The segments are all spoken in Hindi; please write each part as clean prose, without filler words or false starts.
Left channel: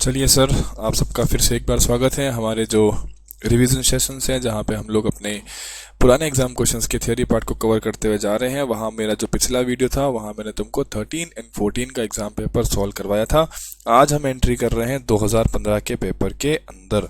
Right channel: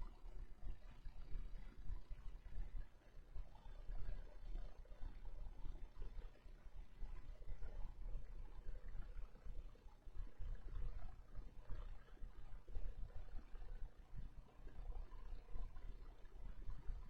चलिए सर, आप सबका फिर से एक बार स्वागत है हमारे जो रिवीजन सेशंस हैं, जहाँ पे हम लोग अपने पुराने एग्जाम क्वेश्चंस के थियरी पार्ट को कवर करते हुए जा रहे हैं। वहाँ मेरा जो पिछला वीडियो था वहाँ मैंने तुमको 13 एंड 14 का एग्जाम पेपर सॉल्व करवाया था। आज हम एंट्री कर रहे हैं 2015 के पेपर के अंदर।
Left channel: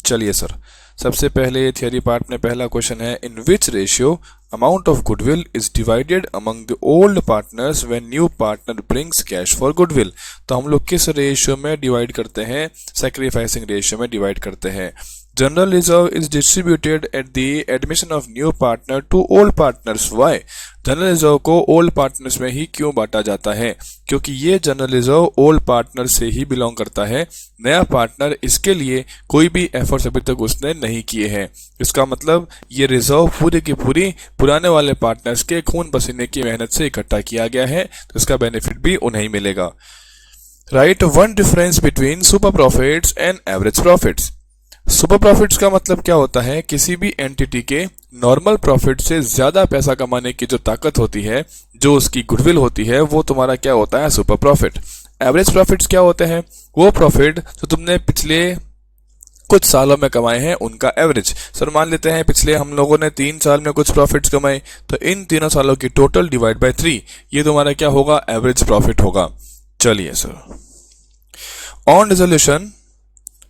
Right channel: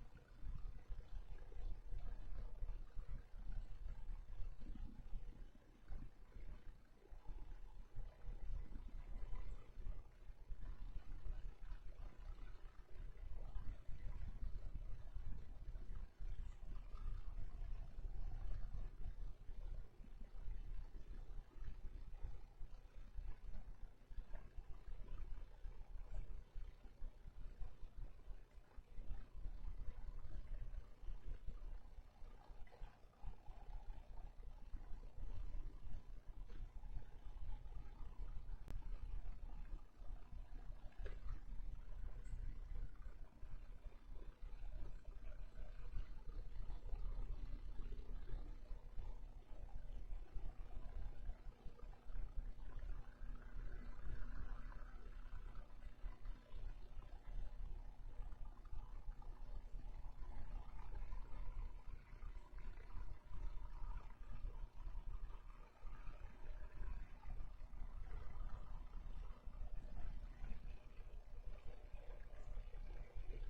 चलिए सर, सबसे पहले थियरी पार्ट में पहला क्वेश्चन है, in which ratio amount of goodwill is divided among the old partners when new partner brings cash for goodwill. तो हम लोग किस रेशियो में डिवाइड करते हैं? सैक्रिफाइसिंग रेशियो में डिवाइड करते हैं। General reserve is distributed at the admission of new partner to old partners. Why? General reserve को ओल्ड पार्टनर्स में ही क्यों बांटा जाता है? क्योंकि ये जनरल रिजर्व ओल्ड पार्टनर से ही बिलोंग करता है। नया पार्टनर इसके लिए कोई भी एफर्ट्स अभी तक उसने नहीं किए हैं। इसका मतलब ये रिजर्व पूरी की पूरी पुराने वाले पार्टनर्स के खून पसीने की मेहनत से इकट्ठा किया गया है, तो इसका बेनिफिट भी उन्हें मिलेगा। Right one difference between super profits and average profits. Super profits का मतलब क्या होता है? किसी भी एंटिटी के नॉर्मल प्रॉफिट से ज्यादा पैसा कमाने की जो ताकत होती है, जो उसकी गुडविल होती है, वो तुम्हारा क्या होता है? Super profit. एवरेज प्रॉफिट्स क्या होते हैं? वो प्रॉफिट जो तुमने पिछले कुछ सालों में कमाए हैं, उनका एवरेज। सर मान लेते हैं पिछले हम लोगों ने 3 साल में कुछ प्रॉफिट्स कमाए, तो इन तीनों सालों की टोटल डिवाइड बाय 3, ये तुम्हारा क्या होगा? एवरेज प्रॉफिट होगा। चलिए sir, on dissolution,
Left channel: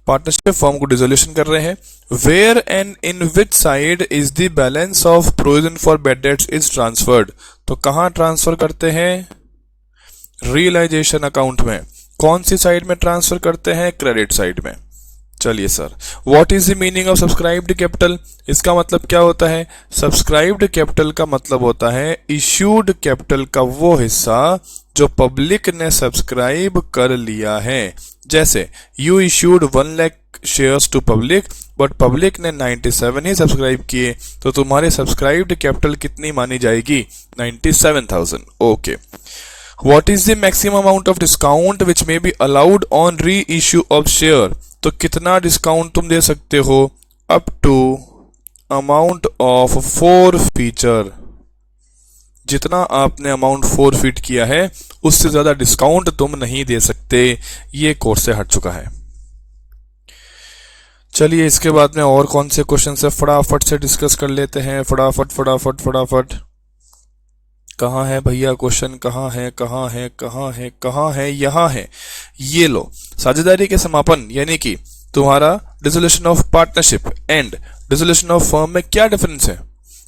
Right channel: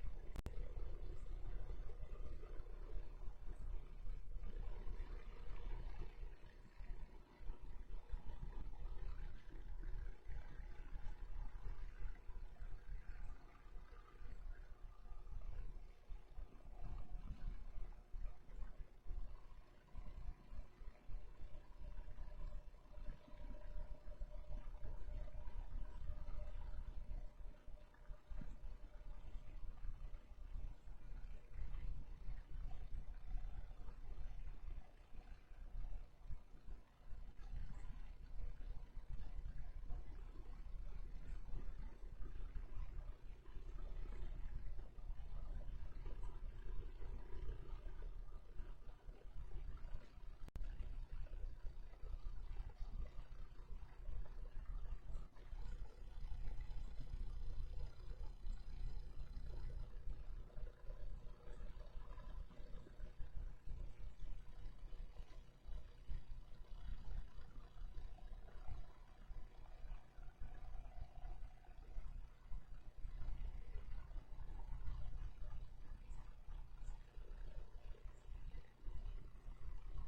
partnership firm को डिसोल्यूशन कर रहे हैं। Where and in which side is the balance of provision for bad debts is transferred. तो कहां ट्रांसफर करते हैं? रियलाइजेशन अकाउंट में। कौन सी साइड में ट्रांसफर करते हैं? क्रेडिट साइड में। चलिए sir, what is the meaning of subscribed capital? इसका मतलब क्या होता है? सब्सक्राइब्ड कैपिटल का मतलब होता है इश्यूड कैपिटल का वो हिस्सा जो पब्लिक ने सब्सक्राइब कर लिया है। जैसे you issued 1 lakh shares to public, but public ने 97 ही सब्सक्राइब किए, तो तुम्हारे सब्सक्राइब्ड कैपिटल कितनी मानी जाएगी? 97,000। Okay. What is the maximum amount of discount which may be allowed on reissue of share? तो कितना डिस्काउंट तुम दे सकते हो? Up to amount of 4 feature. जितना आपने अमाउंट 4 फीट किया है, उससे ज्यादा डिस्काउंट तुम नहीं दे सकते। ये कोर्स से हट चुका है। चलिए, इसके बाद में और कौन से क्वेश्चन से फटाफट से डिस्कस कर लेते हैं। फटाफट फटाफट फटाफट। कहाँ है भैया क्वेश्चन? कहाँ है कहाँ है कहाँ है कहाँ है? यहाँ है। ये लो, साझेदारी के समापन यानी कि तुम्हारा dissolution of partnership and dissolution of firm में क्या डिफरेंस है?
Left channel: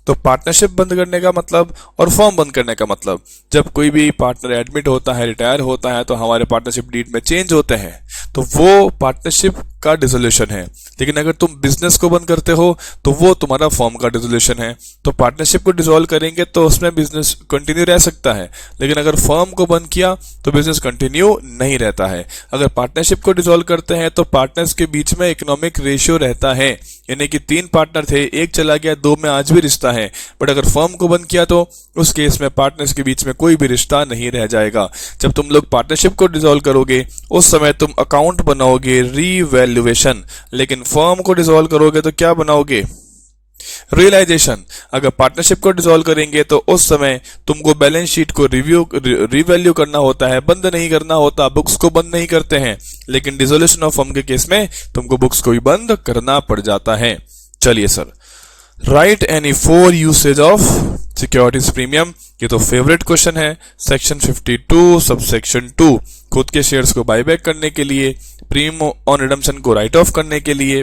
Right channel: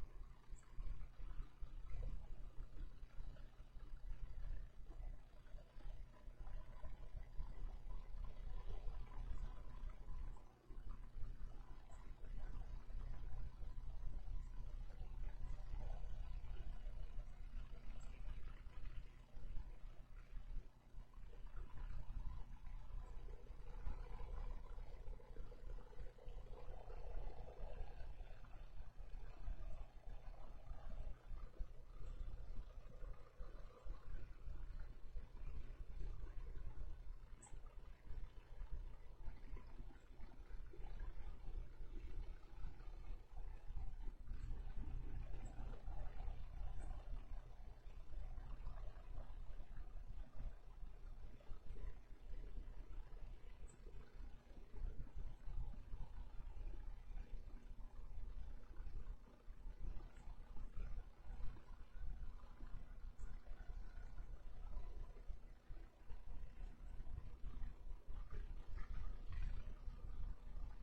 तो पार्टनरशिप बंद करने का मतलब और फर्म बंद करने का मतलब, जब कोई भी पार्टनर एडमिट होता है, रिटायर होता है, तो हमारे पार्टनरशिप डीड में चेंज होते हैं, तो वो पार्टनरशिप का डिसोल्यूशन है। लेकिन अगर तुम बिजनेस को बंद करते हो तो वो तुम्हारा फर्म का डिसोल्यूशन है। तो पार्टनरशिप को डिसॉल्व करेंगे तो उसमें बिजनेस कंटिन्यू रह सकता है, लेकिन अगर फर्म को बंद किया तो बिजनेस कंटिन्यू नहीं रहता है। अगर पार्टनरशिप को डिसॉल्व करते हैं तो पार्टनर्स के बीच में इकोनॉमिक रेशियो रहता है, यानी कि 3 पार्टनर थे, एक चला गया, 2 में आज भी रिश्ता है। बट अगर फर्म को बंद किया तो उस केस में पार्टनर्स के बीच में कोई भी रिश्ता नहीं रह जाएगा। जब तुम लोग पार्टनरशिप को डिसॉल्व करोगे उस समय तुम अकाउंट बनाओगे रीवैल्यूएशन, लेकिन फर्म को डिसॉल्व करोगे तो क्या बनाओगे? रियलाइजेशन। अगर पार्टनरशिप को डिसॉल्व करेंगे तो उस समय तुमको बैलेंस शीट को रिवैल्यू करना होता है, बंद नहीं करना होता। बुक्स को बंद नहीं करते हैं, लेकिन डिसोल्यूशन ऑफ फर्म के केस में तुमको बुक्स को भी बंद करना पड़ जाता है। चलिए sir, right any 4 usage of securities premium. ये तो फेवरेट क्वेश्चन है। सेक्शन 52 सबसेक्शन 2, खुद के शेयर्स को बायबैक करने के लिए, प्रीमियम ऑन रिडम्पशन को राइट ऑफ करने के लिए,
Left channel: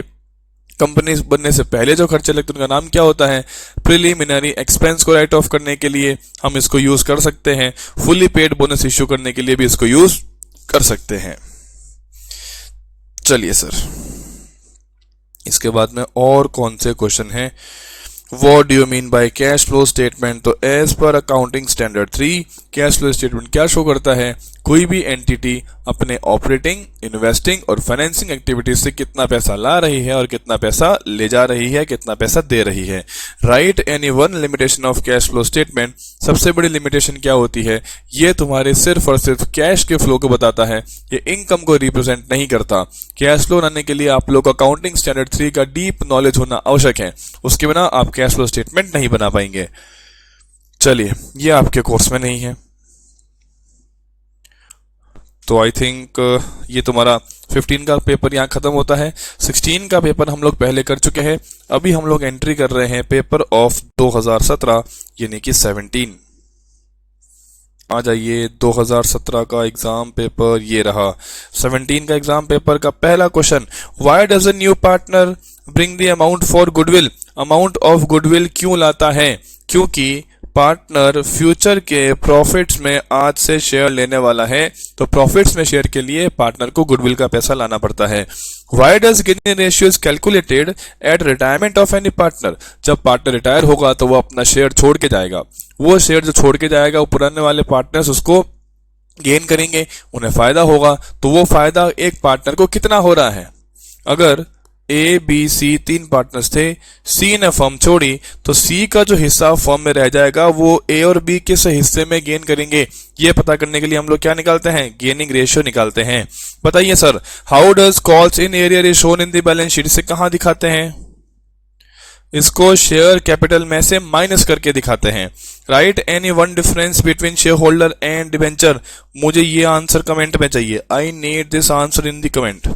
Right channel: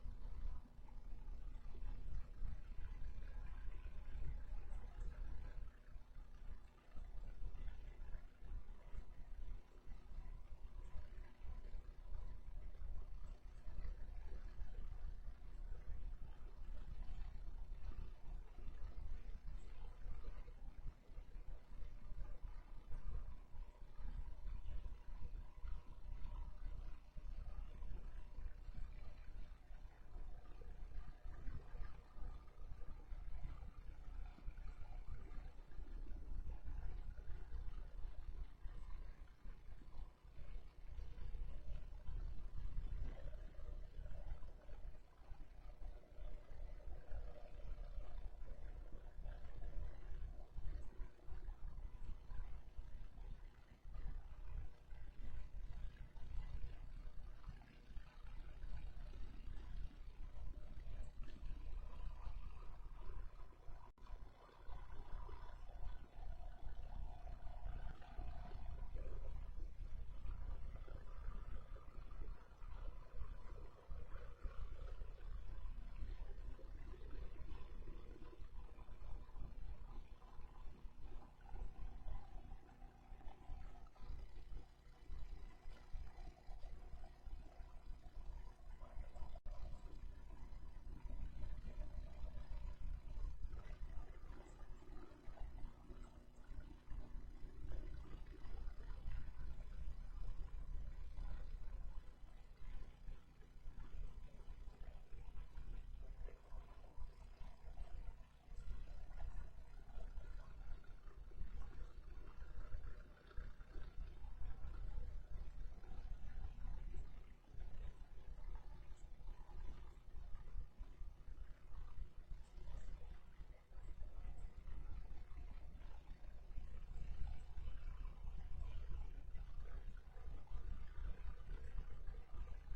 कंपनी बनने से पहले जो खर्चे लगते हैं उनका नाम क्या होता है? प्रिलिमिनरी एक्सपेंस को राइट ऑफ करने के लिए हम इसको यूज कर सकते हैं। फुली पेड बोनस इश्यू करने के लिए भी इसको यूज कर सकते हैं। चलिए सर, इसके बाद में और कौन से क्वेश्चन हैं? What do you mean by cash flow statement? तो as per accounting standard 3 cash flow statement क्या शो करता है? कोई भी एंटिटी अपने ऑपरेटिंग, इन्वेस्टिंग और फाइनेंसिंग एक्टिविटीज से कितना पैसा ला रही है और कितना पैसा ले जा रही है, कितना पैसा दे रही है। Right any one limitation of cash flow statement. सबसे बड़ी लिमिटेशन क्या होती है? ये तुम्हारे सिर्फ और सिर्फ कैश के फ्लो को बताता है, ये इनकम को रिप्रेजेंट नहीं करता। कैश फ्लो बनाने के लिए आप लोग अकाउंटिंग स्टैंडर्ड 3 का डीप नॉलेज होना आवश्यक है, उसके बिना आप कैश फ्लो स्टेटमेंट नहीं बना पाएंगे। चलिए, ये आपके कोर्स में नहीं है, तो आई थिंक ये तुम्हारा 15 का पेपर यहाँ खत्म होता है। 16 का पेपर हम लोग पहले कर चुके हैं। अभी हम लोग एंट्री कर रहे हैं पेपर ऑफ 2017 यानी कि 17। आ जाइए, 2017 का एग्जाम पेपर ये रहा। 17 का एग्जाम पेपर का पहला question, why does a new partner bring the amount for goodwill. Amount of goodwill क्यों लाता है? क्योंकि पार्टनर फ्यूचर के प्रॉफिट्स में आज से शेयर लेने वाला है, तो प्रॉफिट्स में शेयर के लिए पार्टनर को गुडविल का पैसा लाना पड़ता है। Why does Guinea ratio is calculated at retirement of any partner. जब पार्टनर रिटायर होगा तो वो अपना शेयर छोड़ के जाएगा। वो शेयर जो छोड़ के जाएगा वो पुराने वाले पार्टनर्स उसको गेन करेंगे, उन्हें फायदा होगा। तो वो फायदा एक पार्टनर को कितना हो रहा है? अगर ए बी सी 3 पार्टनर्स थे, सी ने फर्म छोड़ी, तो सी का जो हिस्सा फर्म में रह जाएगा वो ए और बी किस हिस्से में गेन करेंगे, ये पता करने के लिए हम लोग क्या निकालते हैं? गेनिंग रेशियो निकालते हैं। बताइए sir, how does calls in arrear is shown in the balance sheet. इसे कहां दिखाते हैं? इसको शेयर कैपिटल में से माइनस करके दिखाते हैं। Write any one difference between shareholder and debenture. मुझे ये आंसर कमेंट में चाहिए। I need this answer in the comment.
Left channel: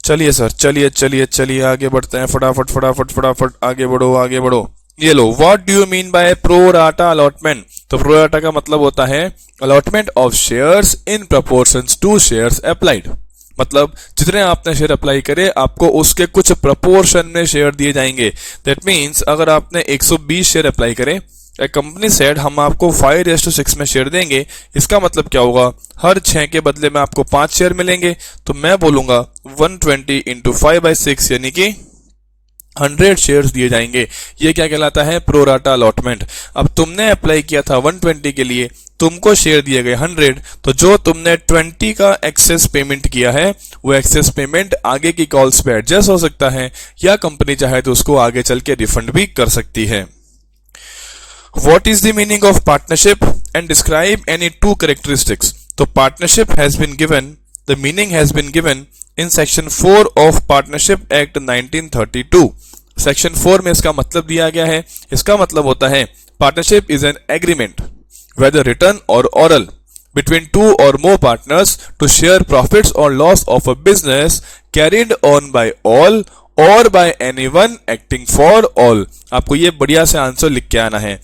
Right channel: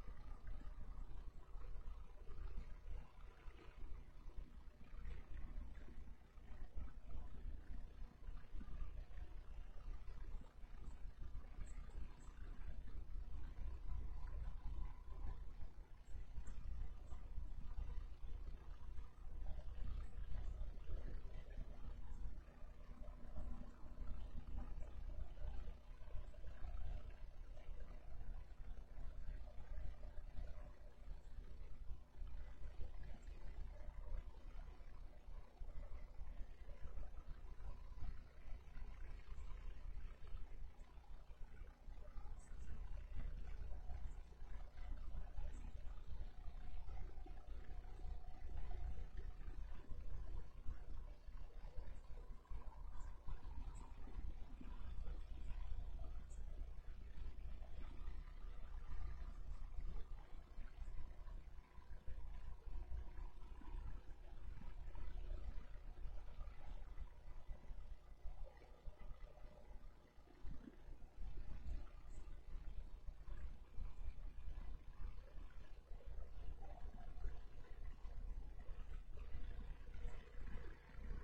चलिए सर, चलिए आगे बढ़ते हैं। फटाफट आगे बढ़ो। ये लो, what do you mean by pro rata allotment. तो प्रो राटा का मतलब होता है allotment of shares in proportions to shares applied. मतलब जितने आपने शेयर अप्लाई करे आपको उसके कुछ प्रपोर्शन में शेयर दिए जाएंगे। दैट मीन्स अगर आपने 120 शेयर अप्लाई करे, कंपनी सेड हम आपको 5:6 में शेयर देंगे, इसका मतलब क्या होगा? हर 6 के बदले में आपको 5 शेयर मिलेंगे। तो मैं बोलूंगा 120 इंटू 5/6 यानी कि 100 शेयर्स दिए जाएंगे। ये क्या कहलाता है? Pro rata allotment. अब तुमने अप्लाई किया था 120 के लिए, तुमको शेयर दिए गए 100, तो जो तुमने 20 का एक्सेस पेमेंट किया है वो एक्सेस पेमेंट आगे की कॉल्स पे एडजस्ट हो सकता है, या कंपनी चाहे तो उसको आगे चल के रिफंड भी कर सकती है। What is the meaning of partnership and describe any two characteristics? तो partnership has been given, the meaning has been given in section 4 of Partnership Act 1932. Section 4 में इसका मतलब दिया गया है। इसका मतलब होता है partnership is an agreement, whether written or oral, between two or more partners to share profits or loss of a business carried on by all or by anyone acting for all. आपको ये बढ़िया से आंसर लिख के आना है।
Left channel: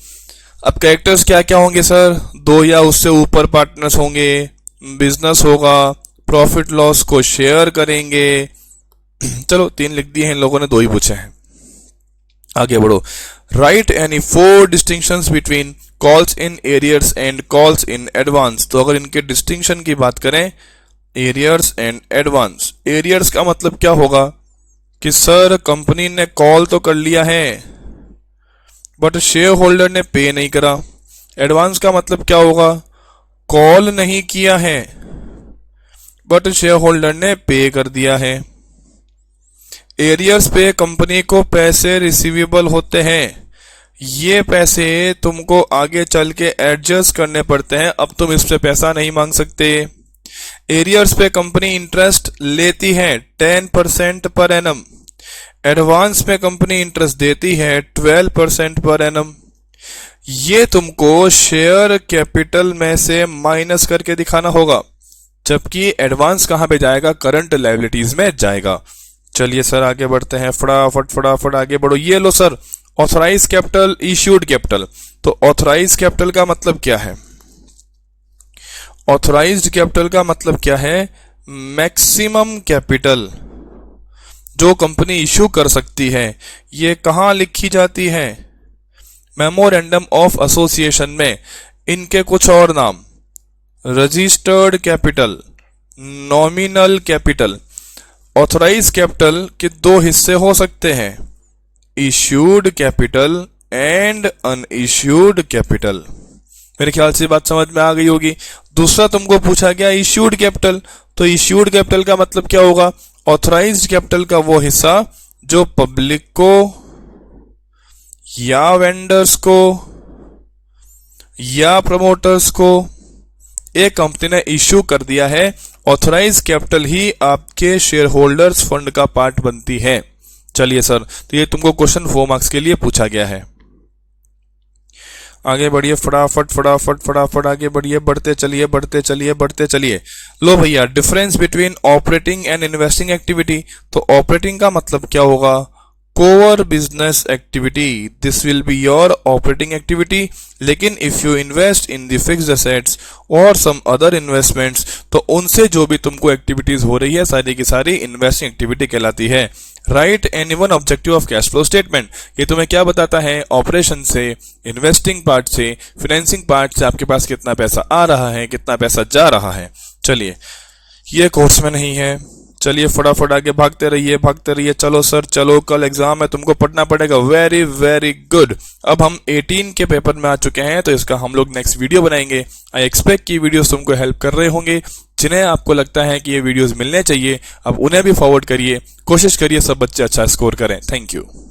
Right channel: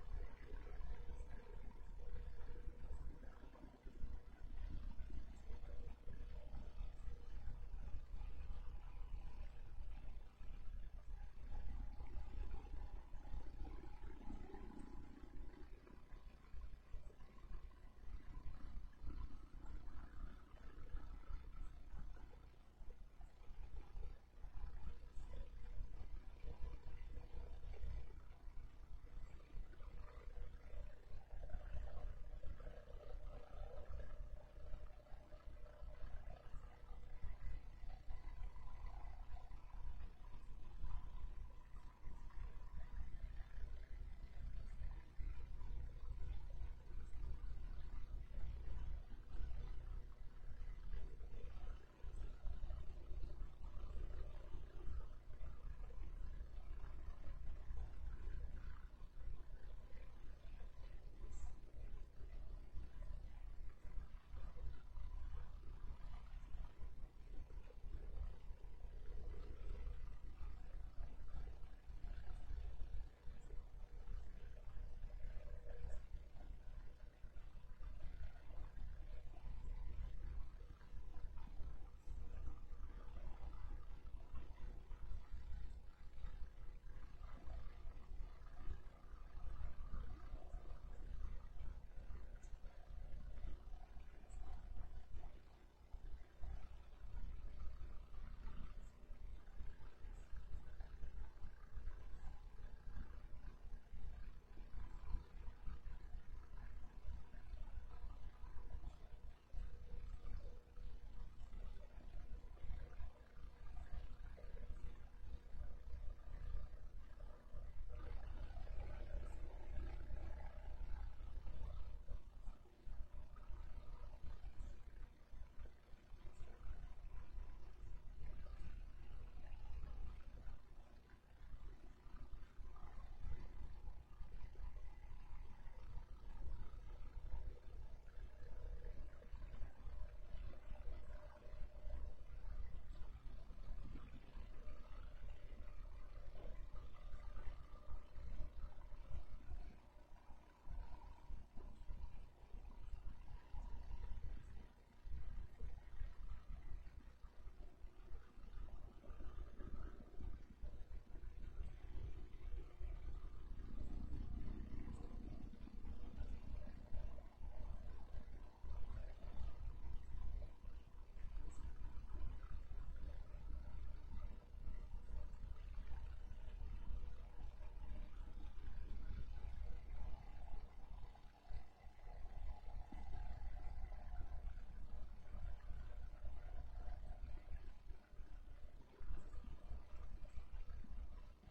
अब कैरेक्टर्स क्या क्या होंगे सर? 2 या उससे ऊपर पार्टनर्स होंगे, बिजनेस होगा, प्रॉफिट लॉस को शेयर करेंगे। चलो 3 लिख दिए हैं इन लोगों ने, 2 ही पूछे हैं। आगे बढ़ो। Right any 4 distinctions between calls in arrears and calls in advance. तो अगर इनके डिस्टिंक्शन की बात करें, एरियर्स एंड एडवांस, एरियर्स का मतलब क्या होगा कि सर कंपनी ने कॉल तो कर लिया है बट शेयर होल्डर ने पे नहीं करा। एडवांस का मतलब क्या होगा? कॉल नहीं किया है बट शेयर होल्डर ने पे कर दिया है। एरियर्स पे कंपनी को पैसे रिसीवेबल होते हैं, ये पैसे तुमको आगे चल के एडजस्ट करने पड़ते हैं, अब तुम इस पे पैसा नहीं मांग सकते। एरियर्स पे कंपनी इंटरेस्ट लेती है 10% पर एनम। एडवांस में कंपनी इंटरेस्ट देती है 12% पर एनम। ये तुमको शेयर कैपिटल में से माइनस करके दिखाना होगा, जबकि एडवांस कहां पे जाएगा? करंट लायबिलिटीज में जाएगा। चलिए सर आगे बढ़ते हैं। फटाफट आगे बढ़ो। ये लो sir, authorise capital, issued capital. तो ऑथराइज कैपिटल का मतलब क्या है? ऑथराइज्ड कैपिटल का मतलब क्या है? मैक्सिमम कैपिटल जो कंपनी इश्यू कर सकती है। ये कहां लिखी जाती है? मेमोरेंडम ऑफ एसोसिएशन में। इनके कुछ और नाम, registered capital, nominal capital. Authorise capital के 2 हिस्से हो सकते हैं, issued capital and unissued capital. मेरे ख्याल से बात समझ में आ गई होगी। दूसरा तुमको पूछा गया इश्यूड कैपिटल। तो इश्यूड कैपिटल का मतलब क्या होगा? ऑथराइज्ड कैपिटल का वो हिस्सा जो पब्लिक को या वेंडर्स को या प्रमोटर्स को एक कंपनी ने इश्यू कर दिया है। ऑथराइज कैपिटल ही आपके शेयर होल्डर्स फंड का पार्ट बनती है। चलिए सर, तो ये तुमको क्वेश्चन 4 मार्क्स के लिए पूछा गया है। आगे बढ़िए, फटाफट फटाफट फटाफट आगे बढ़िए, बढ़ते चलिए बढ़ते चलिए बढ़ते चलिए। लो भैया, difference between operating and investing activity. तो ऑपरेटिंग का मतलब क्या होगा? Core business activity, this will be your operating activity. लेकिन if you invest in the fixed assets or some other investments, तो उनसे जो भी तुमको एक्टिविटीज हो रही है सारी की सारी इन्वेस्टिंग एक्टिविटी कहलाती है। Right any one objective of cash flow statement, ये तुम्हें क्या बताता है? ऑपरेशन से, इन्वेस्टिंग पार्ट से, फाइनेंसिंग पार्ट से आपके पास कितना पैसा आ रहा है, कितना पैसा जा रहा है। चलिए, ये कोर्स में नहीं है। चलिए फटाफट आगे भागते रहिए। चलो सर चलो, कल एग्जाम है, तुमको पढ़ना पड़ेगा। Very very good. अब हम 18 के पेपर में आ चुके हैं, तो इसका हम लोग नेक्स्ट वीडियो बनाएंगे। आई एक्सपेक्ट कि वीडियोस तुमको हेल्प कर रहे होंगे। जिन्हें आपको लगता है कि ये वीडियोस मिलने चाहिए, अब उन्हें भी फॉरवर्ड करिए। कोशिश करिए सब बच्चे अच्छा स्कोर करें। Thank you.